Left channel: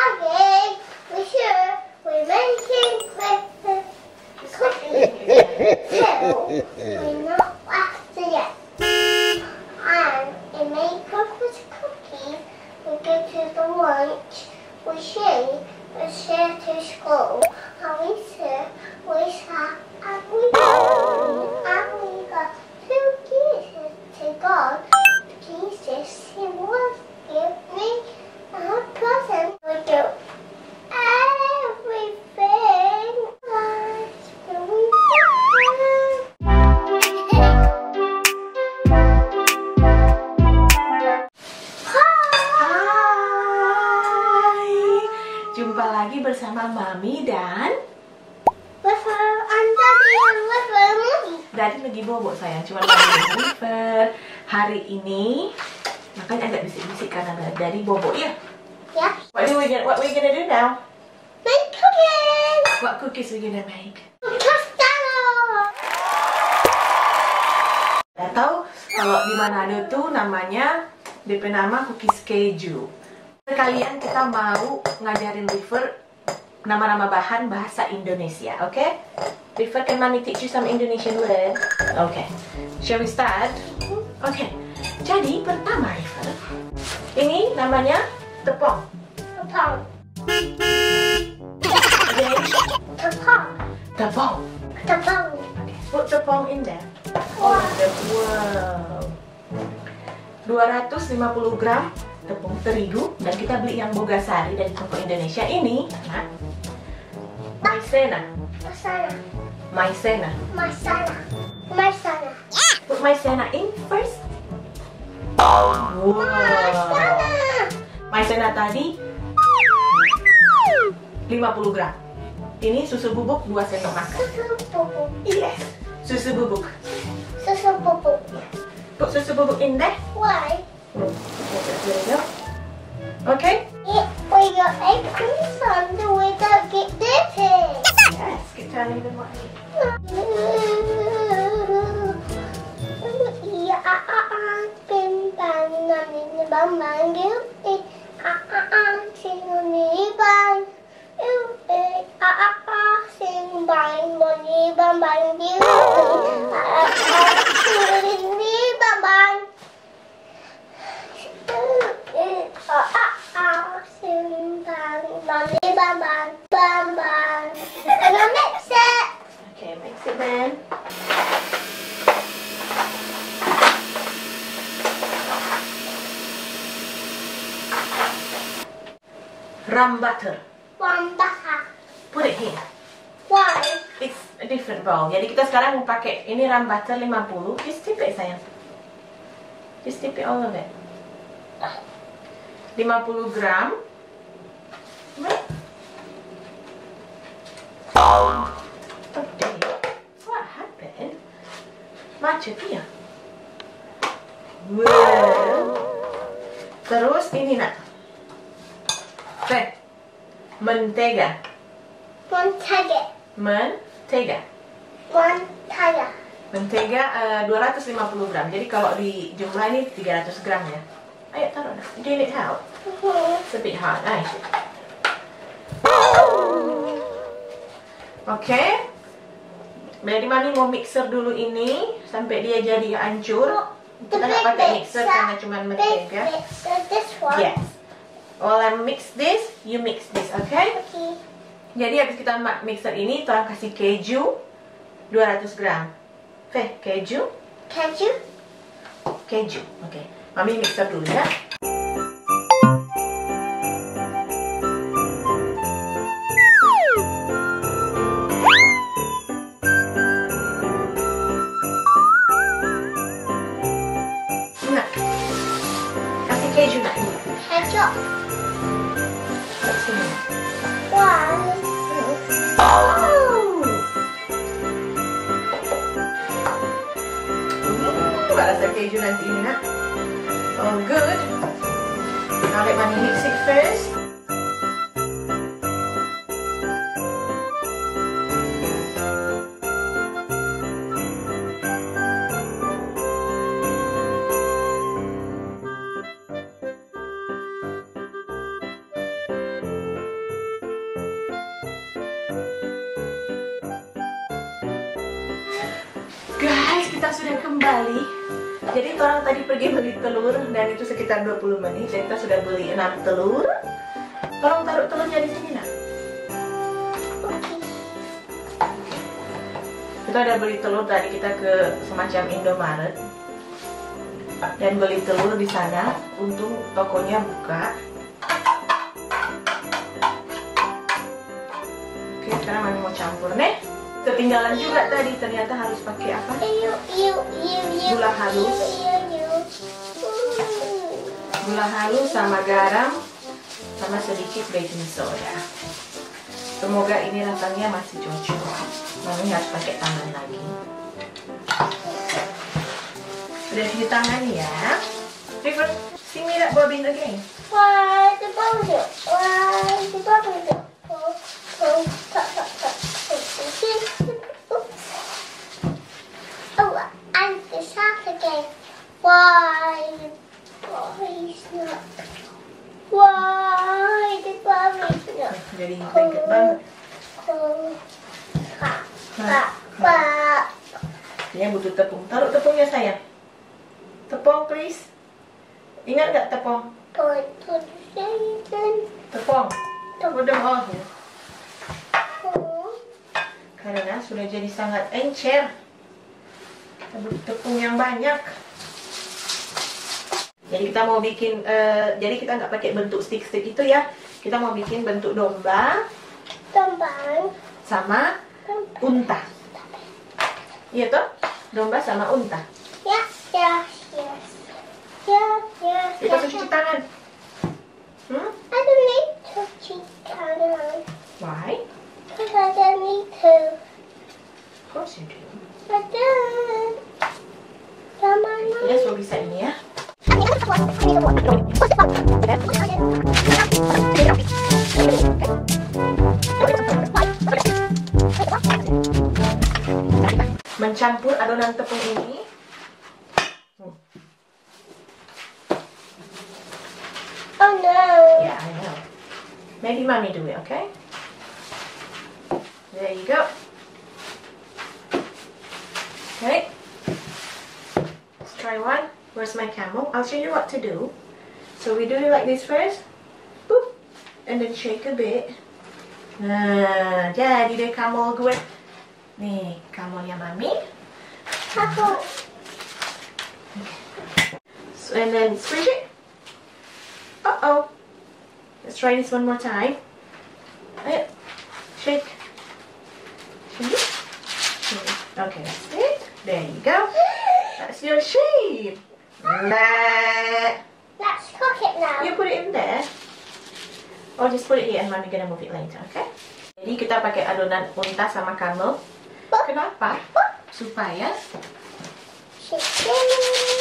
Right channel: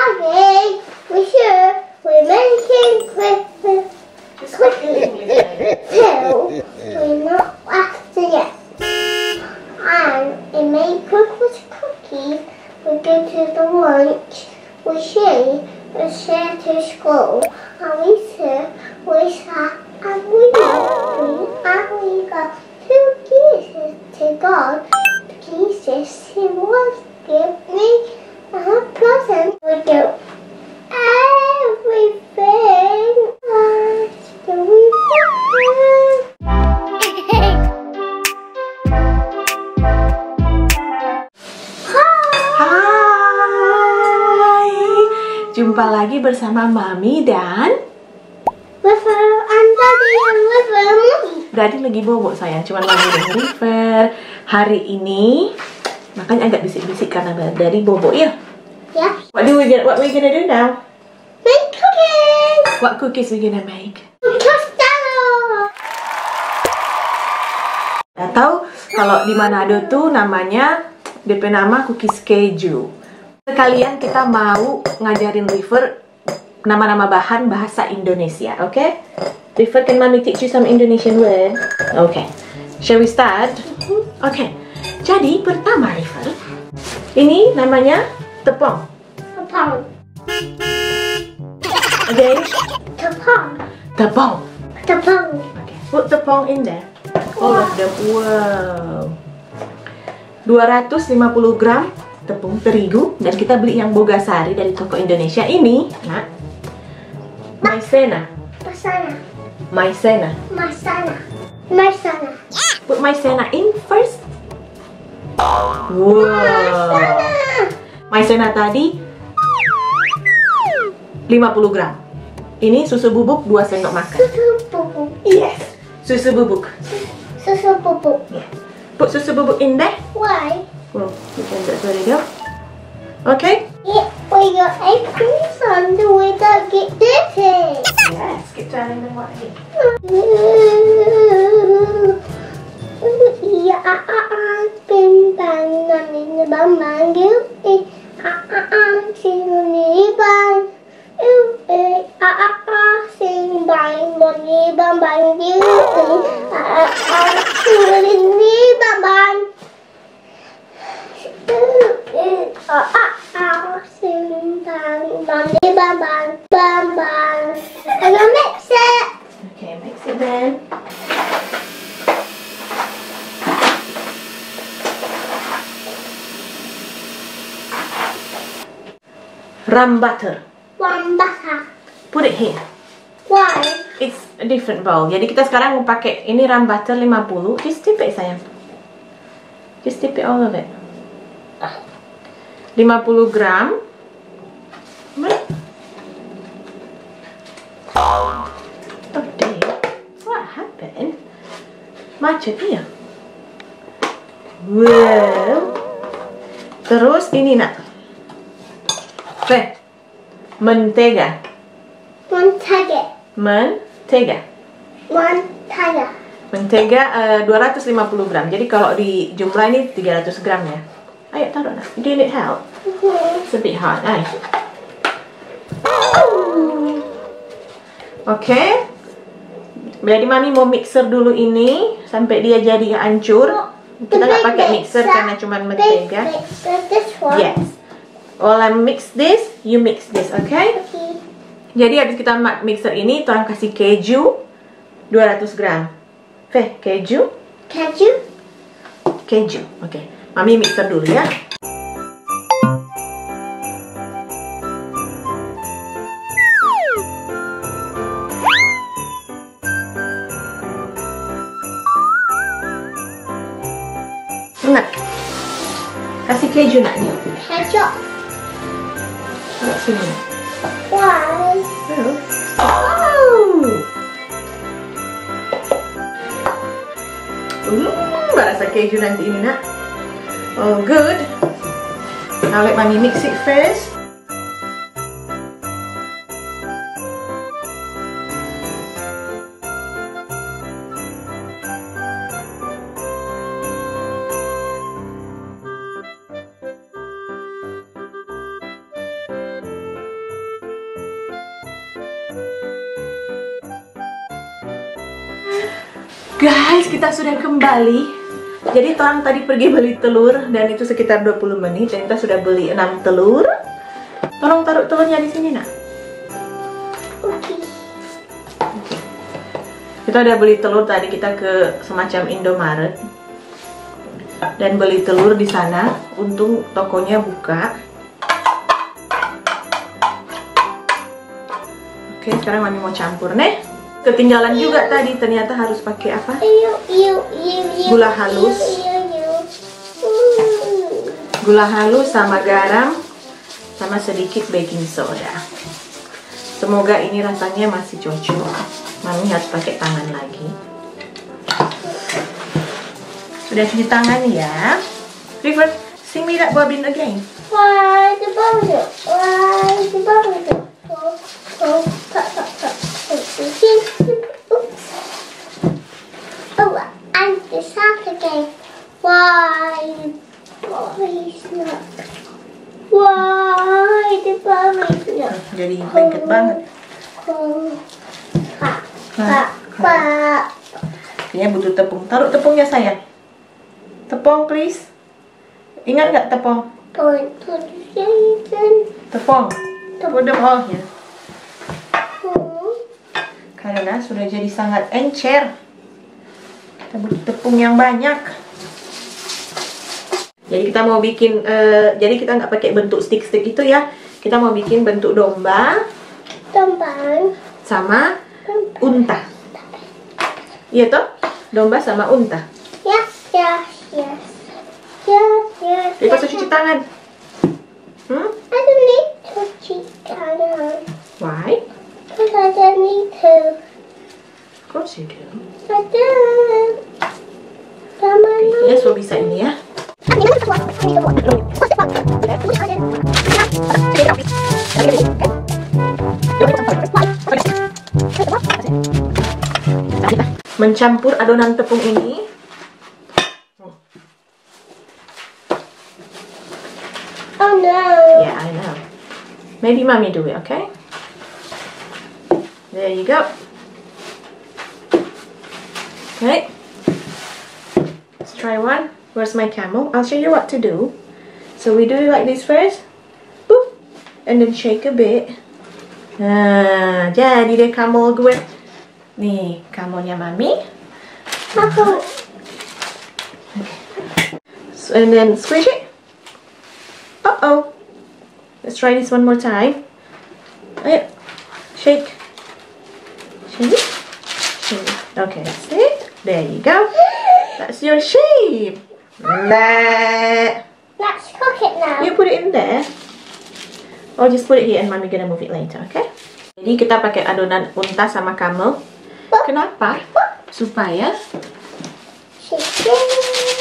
Okay, we're making Christmas cookies. So, we're not after yet. And we make Christmas cookies. We go to the lunch. We share to school. And we sing, we sing, and we sing. And we got 2 pieces to God. Jesus, he was give me a present. We do everything as we Hai, jumpa lagi bersama Mami dan River and Daddy and River and Mommy. Daddy lagi bobok sayang, cuman Mami dan River. Hari ini makanya agak bisik-bisik karena Daddy bobok ya. Yeah. What we gonna do now? Make cookies. What cookies we gonna make? Castelo. Atau kalau di Manado tuh namanya DP nama cookies keju. Sekalian kita mau ngajarin River nama-nama bahan bahasa Indonesia, oke? Okay? River, can Mami teach you some Indonesian word? Okay. Shall we start? Okay. Jadi pertama River, ini namanya tepung. Tepung. Again, Tepung. tepung. Tepung. Okay. Put tepung in there. All of them. Wow. 250 gram tepung terigu, dan kita beli yang Bogasari dari toko Indonesia ini, nak. Maizena. Masana. Maizena. Masana. Masana. Put maizena in first. Wow. Maizena tadi 50 gram. Ini susu bubuk 2 sendok makan. Susu bubuk. Yes. Susu bubuk. Susu bubuk. Yes. Put susu bubuk in there. Why? Oh, there you go. Okay. Yeah, we got egg creams on the way to get dirty. Yes. Keep turning them right. Iya, bim bang, nani bang bang, you, sing ni bang, sing bang, money bang bang, you, sing ni bang bang. Sing bang, money bang bang, bang bang. I'm gonna mix it. Okay, mix it then. Rum butter. One butter. Put it here. Why? It's a different bowl. Jadi kita sekarang mau pakai ini rum butter 50. Just dip it sayang. Just dip it all of it. 50 gram. Oh dear. What happened? Macet ya? Wow. Terus ini nak. Mentega. Mentega. Mentega. Mentega. Mentega 250 gram. Jadi kalau di jumlah ini 300 gram ya. Ayo taruh nak. Do you need help? It's a bit hard, ay. Oke. Jadi Mami mau mixer dulu ini sampai dia jadi hancur. Kita nggak pakai mixer karena cuma mentega. This one. Yes. While I mix this, you mix this, okay? Okay. Jadi habis kita mixer ini, orang kasih keju 200 gram. Keju? Keju. Keju, oke. Mami mixer dulu ya. Nak, kasih keju nak. Keju. Nak sini. Why? Oh. Rasa keju nanti ini nak. Oh good. Now let Mami mix it first. Guys, kita sudah kembali. Jadi Trang tadi pergi beli telur dan itu sekitar 20 menit dan kita sudah beli 6 telur. Tolong taruh telurnya di sini, Nak. Oke. Kita udah beli telur tadi, kita ke semacam Indomaret dan beli telur di sana. Untung tokonya buka. Oke, sekarang Mami mau campur nih. Ketinggalan juga tadi, ternyata harus pakai apa? Gula halus. Gula halus sama garam sama sedikit baking soda. Semoga ini rasanya masih cocok. Mami harus pakai tangan lagi. Sudah cuci tangan ya. River, sing me that bobbin again. Why the bubble? Why the bubble? Oh, oops. Oh, and the sock again. Why the body's not? Why the body's not? Jadi lengket banget. Kayaknya butuh tepung. Taruh tepungnya sayang. Tepung please. Ingat nggak tepung? Going to the season. Tepung. Put them all here. Karena sudah jadi sangat encer. Kita butuh tepung yang banyak. Jadi kita mau bikin, jadi kita nggak pakai bentuk stick-stick itu ya. Kita mau bikin bentuk domba. Domba. Sama unta. Iya toh? Domba sama unta. Yes, yes, yes. Yes, yes. Kita harus cuci tangan. I don't need to cheat tangan. Why? Because I don't need to. Of course you do. I don't. Sama Yes, lo bisa ini ya. Mencampur adonan tepung ini. Oh no. Yeah, I know. Maybe mommy do it, okay? There you go. Okay. Let's try one. Where's my camel? I'll show you what to do. So we do it like this first. Boop. And then shake a bit. Nah, jadi deh camel gue. Nih, camelnya mami. Aku. So, and then squish it. Uh-oh. Let's try this one more time. Ayo. Shake. Shake it. Shake it. Okay, that's it. There you go. That's your shape. Nah. Let's cook it now. You put it in there. Or just put it here and mommy gonna move it later, okay? Jadi kita pakai adonan unta sama camel. Kenapa? Supaya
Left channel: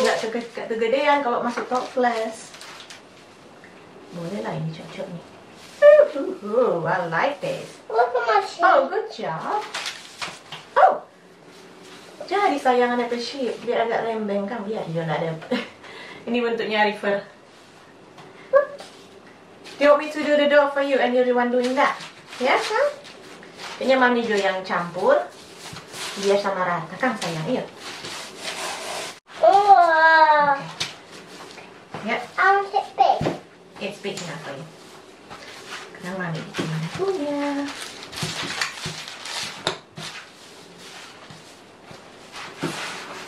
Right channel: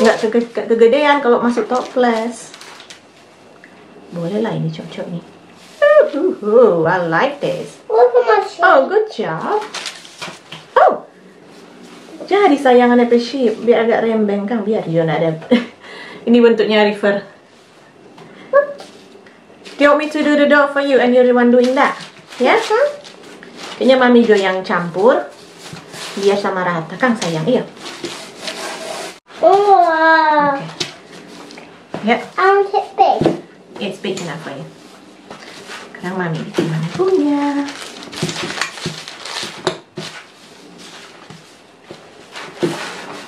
nggak kegedean kalau masuk toples. Boleh lah, ini cocok nih. I like this. Look at my shape. Oh, good job. Oh, jadi sayangan apa shape biar agak rembeng kan, biar Yon ada. Ini bentuknya River. Do you want me to do the dough for you and you're the one doing that? Ya? Kayaknya mami Jo yang campur biar sama rata kan sayang, iya. Oh. Ya. I want it big. It's big enough for you. Sekarang mami gimana punya?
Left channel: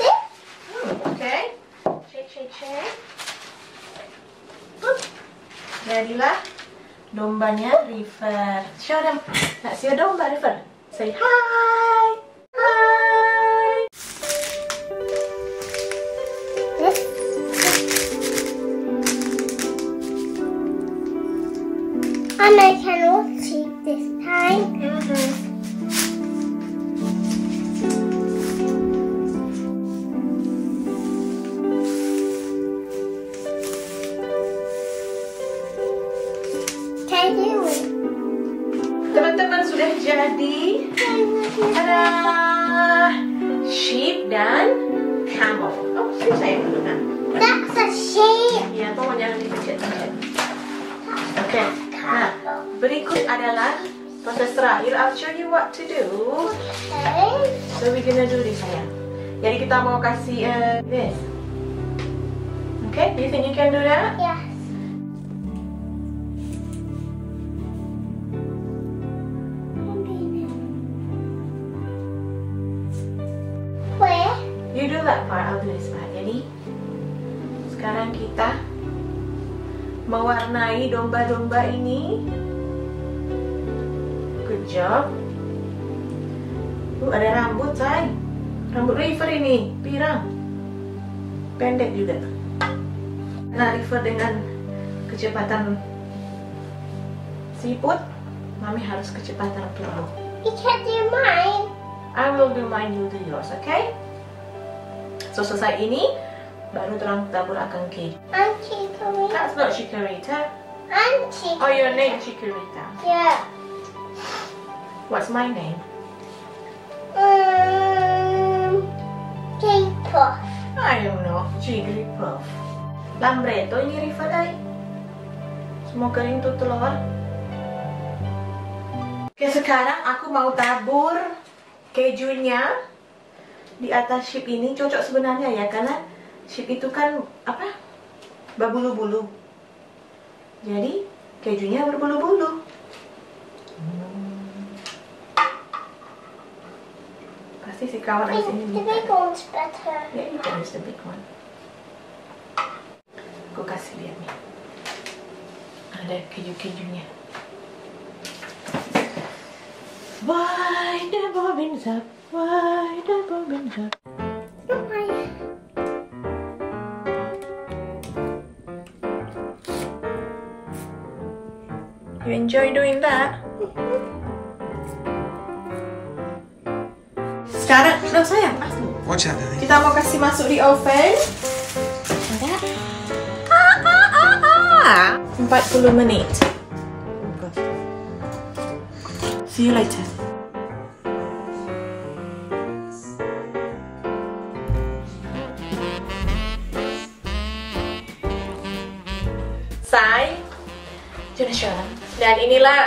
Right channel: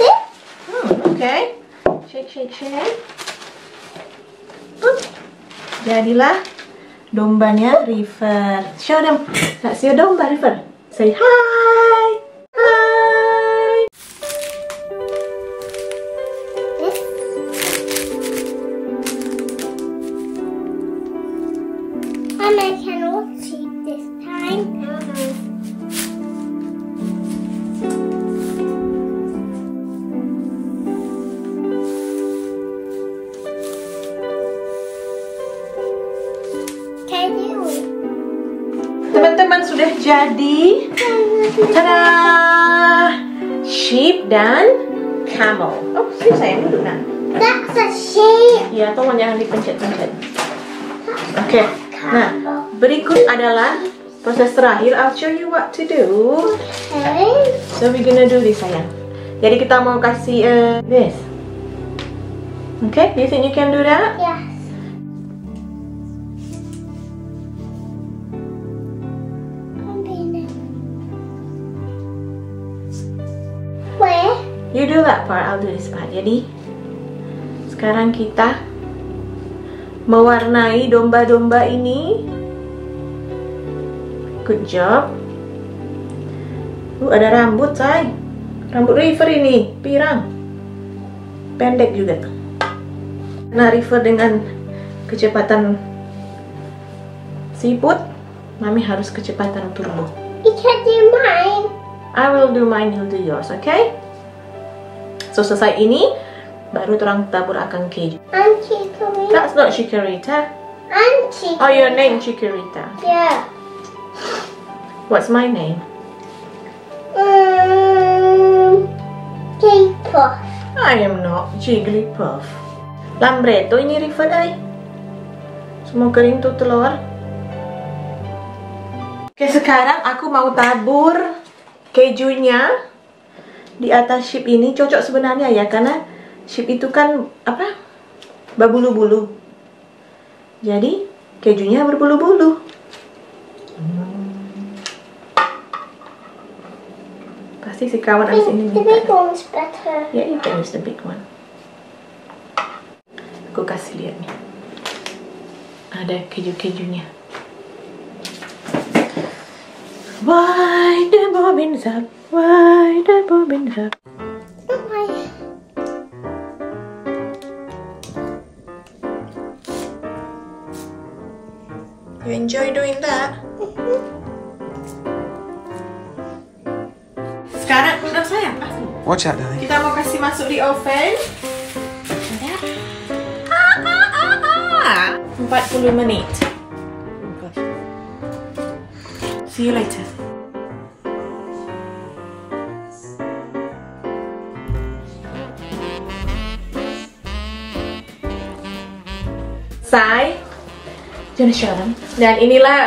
See? Okay. Shake, shake, shake. Jadilah dombanya River. Show them. That's your domba, River. Say hi. Hi. This. And I can also eat this time. Can I do it? Teman-teman sudah jadi. Tada! Sheep dan camel. Oh, sini sayang dulu nah. That's a sheep. Ya, tolong jangan dipencet-pencet. Oke. Nah, berikut adalah proses terakhir. I'll show you what to do. Okay. So we're gonna do this sayang. Jadi kita mau kasih this. Okay, do you think you can do that? Yes. Where? You do that part, I'll do this part. Jadi sekarang kita mewarnai domba-domba ini. Good job. Ada rambut, say. Rambut River ini, pirang. Pendek juga. Nah, River dengan kecepatan siput, Mami harus kecepatan turbo. You can do mine. I will do mine, you'll do yours, okay? So selesai ini, baru terang tabur akan keju. I'm Chikorita. That's not Chikorita. I'm Chikorita. Oh, your name Chikorita. Yeah. What's my name? Jigglypuff. I am not Jigglypuff. Lambretto ini River ay. Semua kering tuh telur. Oke, sekarang aku mau tabur kejunya di atas sheep ini. Cocok sebenarnya ya, karena sheep itu kan apa? Berbulu-bulu. Jadi kejunya berbulu-bulu. Pasti si kawan abis ini The big one's better. ya, you can use the big one. Aku kasih lihat nih. Ada keju-kejunya. Why the bobbins up? Why the bobbins up? You enjoy doing that? Sekarang udah sayang, Watch out, Daddy. kita mau kasih masuk di oven. 40 menit. See you later. Sai, Jonathan. Dan inilah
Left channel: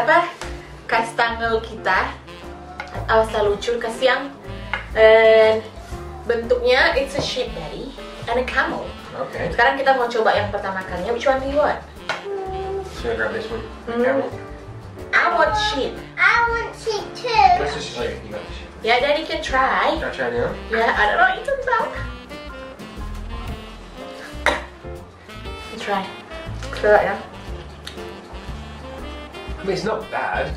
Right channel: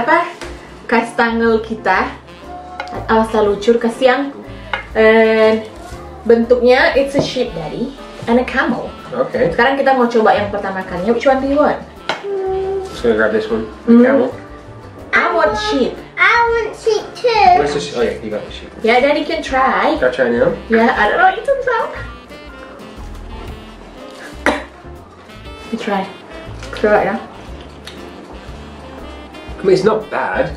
apa? Kastangel kita. Asal lucur kasih yang bentuknya it's a sheep, Daddy, and a camel. Okay. Sekarang kita mau coba yang pertama kalinya. Which one do you want? So grab this one. The camel. I want sheep. I want sheep too. Where's the oh yeah, you got the sheep. Yeah, Daddy can try. Can I try now? Yeah, I don't know. You can try. You try. Try it now. I mean, it's not bad.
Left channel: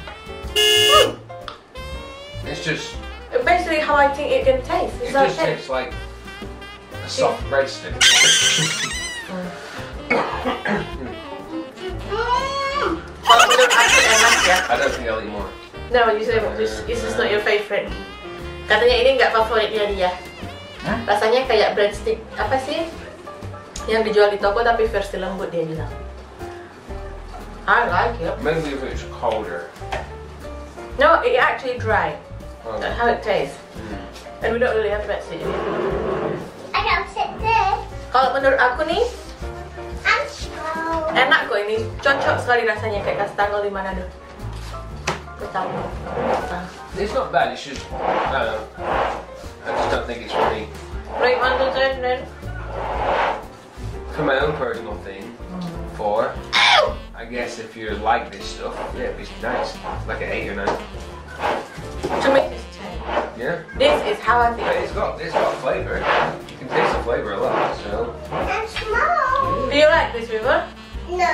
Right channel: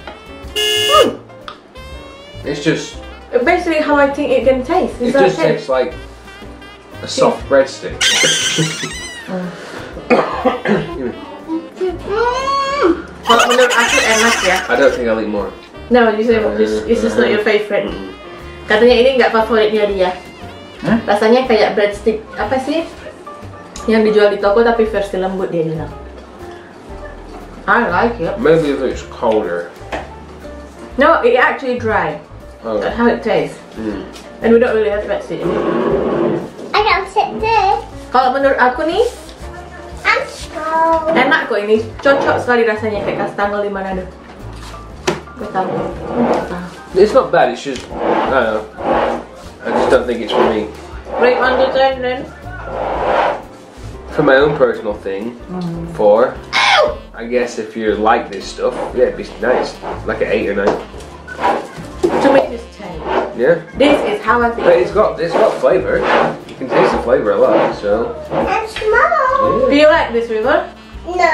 It's just. Basically, how I think it can taste. It Is that just okay? tastes like a soft breadstick. Kalau menurut aku enak ya. I don't think I'll eat more. No, you said this is not your favorite. Katanya ini nggak favoritnya dia. Hah? Rasanya kayak breadstick apa sih? Yang dijual di toko tapi versi lembut dia bilang. I like it. Maybe if it's colder. No, it actually dry. Oh. That's how it tastes. And we don't really have breadstick in it. I can sit there. Kalau menurut aku nih I'm slow. enak kok ini, cocok sekali rasanya kayak kastangel di Manado. Gue tahu. It's not bad. It's just I don't know. I just don't think it's for me. Rate 1 to 10 then. For my own personal thing, 4. I guess if you like this stuff, yeah, it'd be nice. Like an 8 or 9. To me it's 10. Yeah. This is how I But think. it's got flavour. You can taste the flavour a lot. So. I'm small. Do you like this, River? No.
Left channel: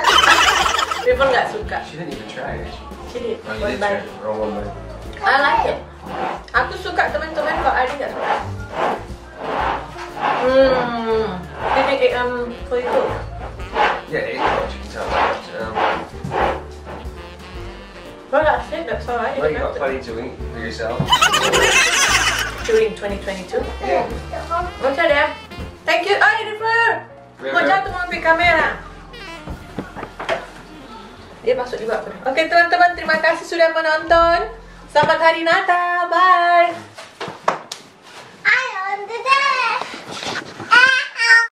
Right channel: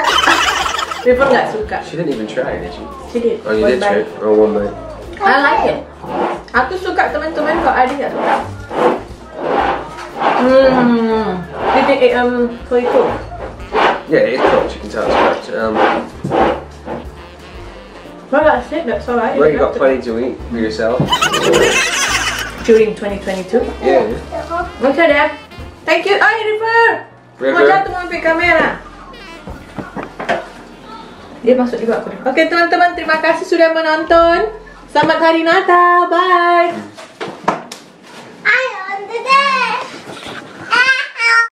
River nggak suka. She didn't even try it, did she? She did. Oh, you One did try bite. it? Oh, one bite. I like it. Aku suka, teman-teman, kok Adi nggak suka. Did it fully cook? Yeah, it's cooked. You can tell it's cooked. Well, that's it. That's all right. Well, you got plenty to eat for yourself. During 2022. Yeah. Okay, Dad. Thank you. Ay, River. Mau jatuh mau ambil kamera. Dia masuk juga aku. Oke, teman-teman, terima kasih sudah menonton. Selamat Hari Natal. Bye.